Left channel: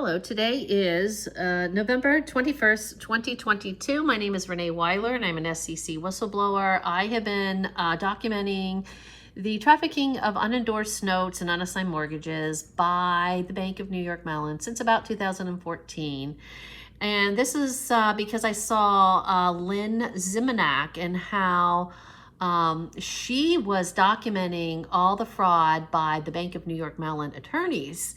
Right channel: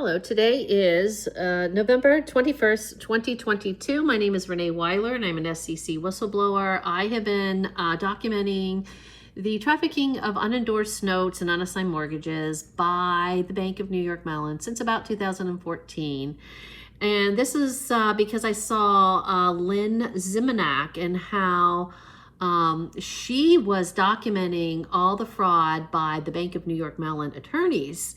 Hello, today is November 21st, 2022. My name is Renee Weiler and I'm an SEC whistleblower. I have been documenting the trafficking of unendorsed notes and unassigned mortgages by the Bank of New York Mellon since about 2014. And this is because I saw Lynn Zimmernack and how she was documenting all the fraud by the Bank of New York Mellon attorneys.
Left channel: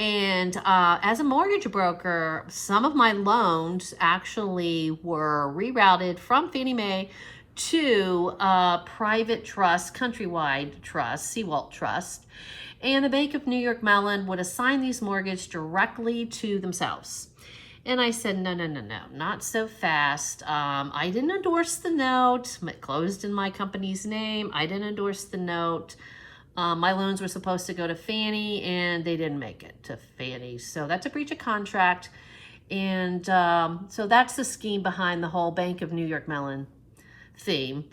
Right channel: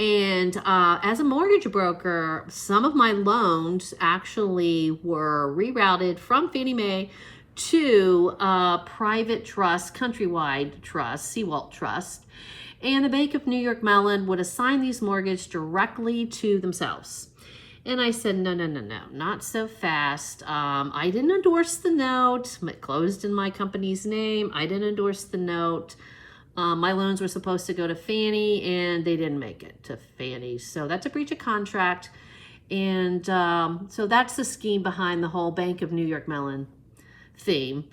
And as a mortgage broker, some of my loans actually were rerouted from Fannie Mae to private trust, Countrywide Trust, Seawalt Trust. And the Bank of New York Mellon would assign these mortgages directly to themselves. And I said, no, not so fast. I didn't endorse the note. It closed in my company's name. I didn't endorse the note. My loans were supposed to go to Fannie and they didn't make it to Fannie. So that's a breach of contract. And so that's the scheme behind the whole Bank of New York Mellon theme.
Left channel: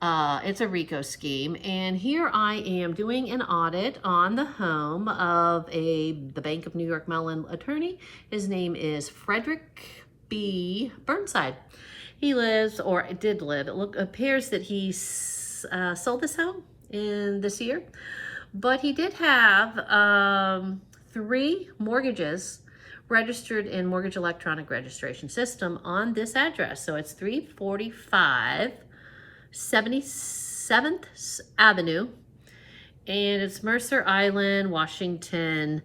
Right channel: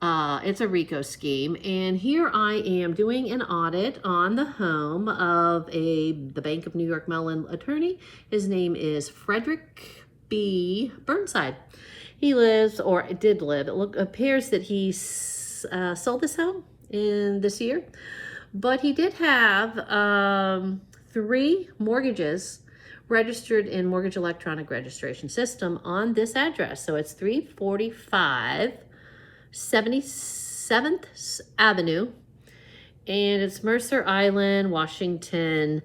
It's a RICO scheme. And here I am doing an audit on the home of the Bank of New York Mellon attorney. His name is Frederick B. Burnside. He lives, or did live, it appears that he sold this home in this year, but he did have 3 mortgages registered in Mortgage Electronic Registration System on this address. So it's 345 77th Avenue, and it's Mercer Island, Washington,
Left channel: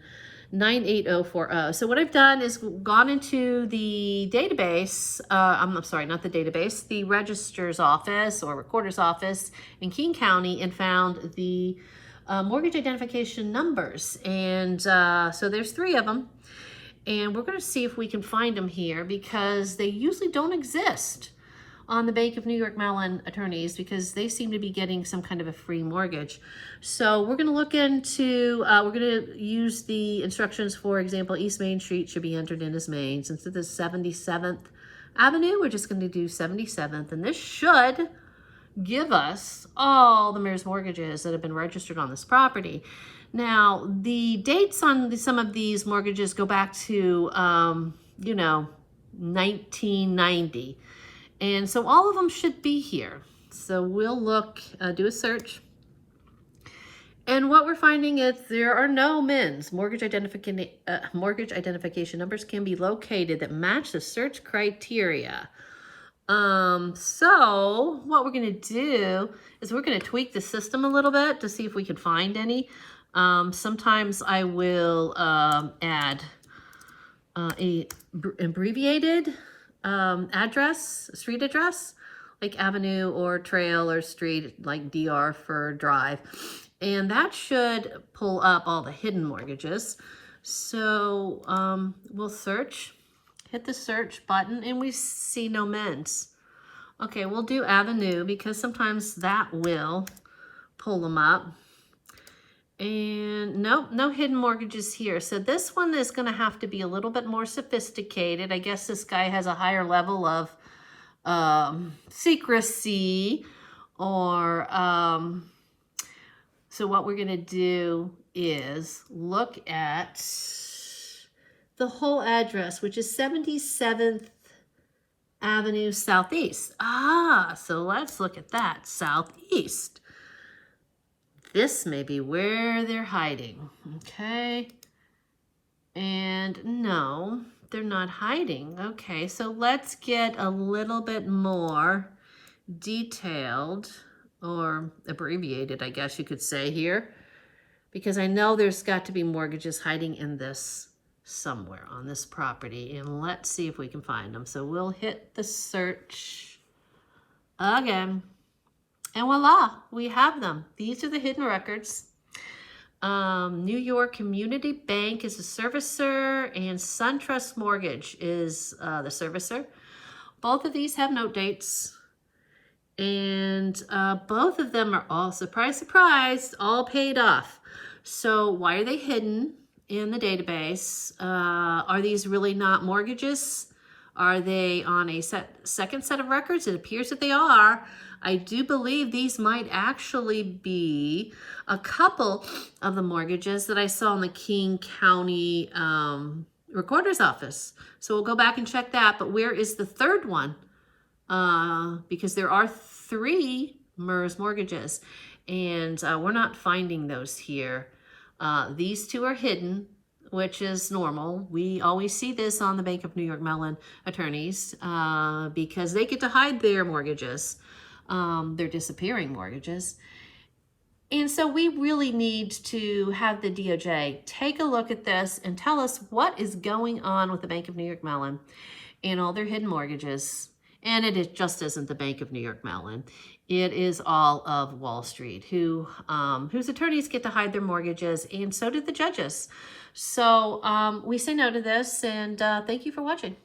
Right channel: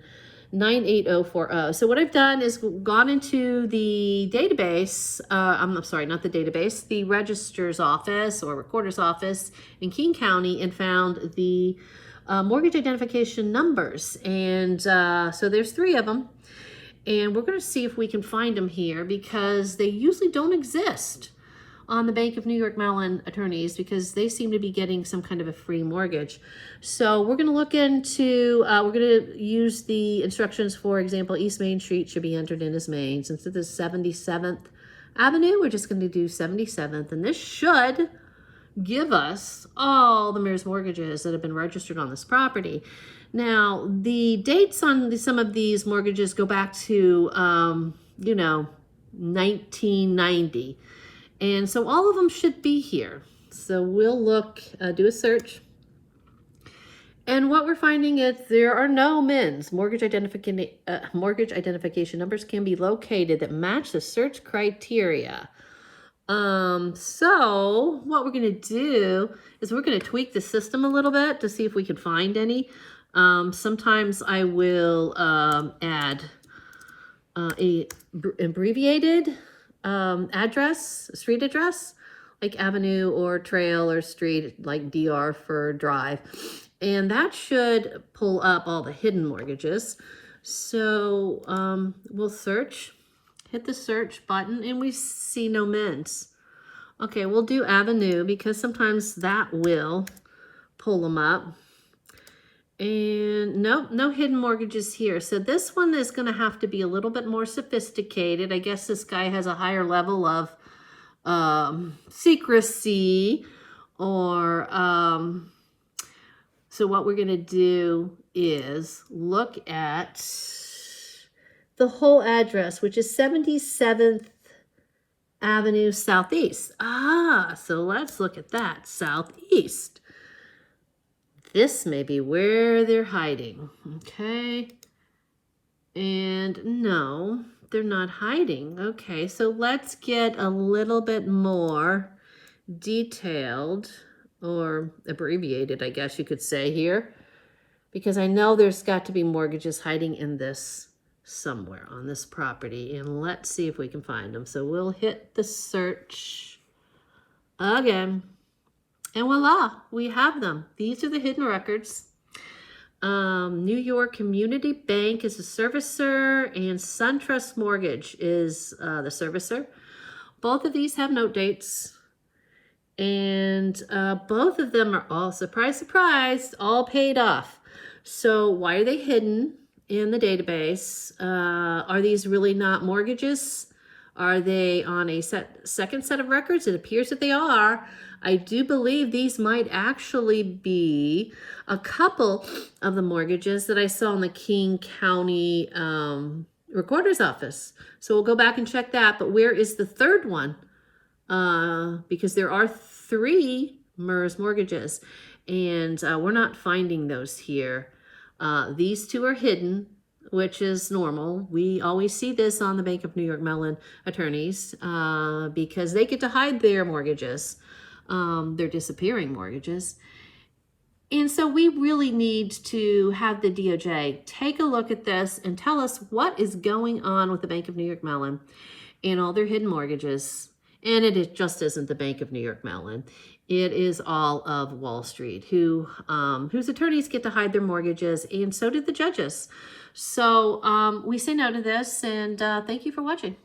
98040. So what I've done is gone into the database, I'm sorry, not the database, the registrar's office or recorder's office in King County, and found the mortgage identification numbers. And so there's 3 of them. And we're going to see if we can find them here, because they usually don't exist on the Bank of New York Mellon attorneys, because they seem to be getting some kind of a free mortgage. So we're going to look into, we're going to use the instructions. For example, East Main Street should be entered in as Main. Since it is 77th Avenue, we're just going to do 77th. And this should give us all the MERS mortgages that have been registered on this property. Now, the dates on some of these mortgages go back to, 1990. And so all of them should be here. So we'll look, do a search. And what we're finding is there are no MINs. Mortgage identification numbers can be located that match the search criteria. So what we're going to do is we're going to tweak the system a little bit to see if we can find any. Sometimes I will add a abbreviated address, street address, like avenue or trail or street, like DR for drive. And that should pull up all the hidden mortgages. So we'll search, hit the search button, and we see no MINs. Okay, we'll do avenue, because sometimes that will pull them up. And nope, no hidden mortgages here. So this one is going to have to be a little bit more sophisticated. I guess this guy has a higher level of secrecy, or so what we're going to do is look at the whole address, which is 77th Avenue Southeast. So let's look at that, Southeast. This may be where they're hiding, okay? And no, they're not hiding. Okay, so let's get a little bit more detailed, or abbreviated, I guess you could say here, because I know there's got to be mortgages hiding in this somewhere on this property. And let's see if we can find them. So we'll hit the search again. And voila, we have them. These are the hidden records. New York Community Bank is the servicer, and SunTrust Mortgage is the servicer. Both of these have note dates. And both of them are all, surprise, surprise, all paid off. So why are they hidden in the database? Are these really not mortgages? Are they on a second set of records? It appears that they are. I do believe these might actually be a couple of the mortgages that I saw in the King County recorder's office. So we'll go back and check that. But where is the third one? Because there are 3 MERS mortgages, and we're not finding those here. These 2 are hidden, which is normal. We always see this on the Bank of New York Mellon attorneys because they get to hide their mortgages, their disappearing mortgages. And so we really need to have the DOJ take a look at this and tell us what is going on with the Bank of New York Mellon and all their hidden mortgages. And just isn't the Bank of New York Mellon. It is all of Wall Street, whose attorneys get to hide their mortgages, and so did the judges. So we say no to this, and thank you for watching.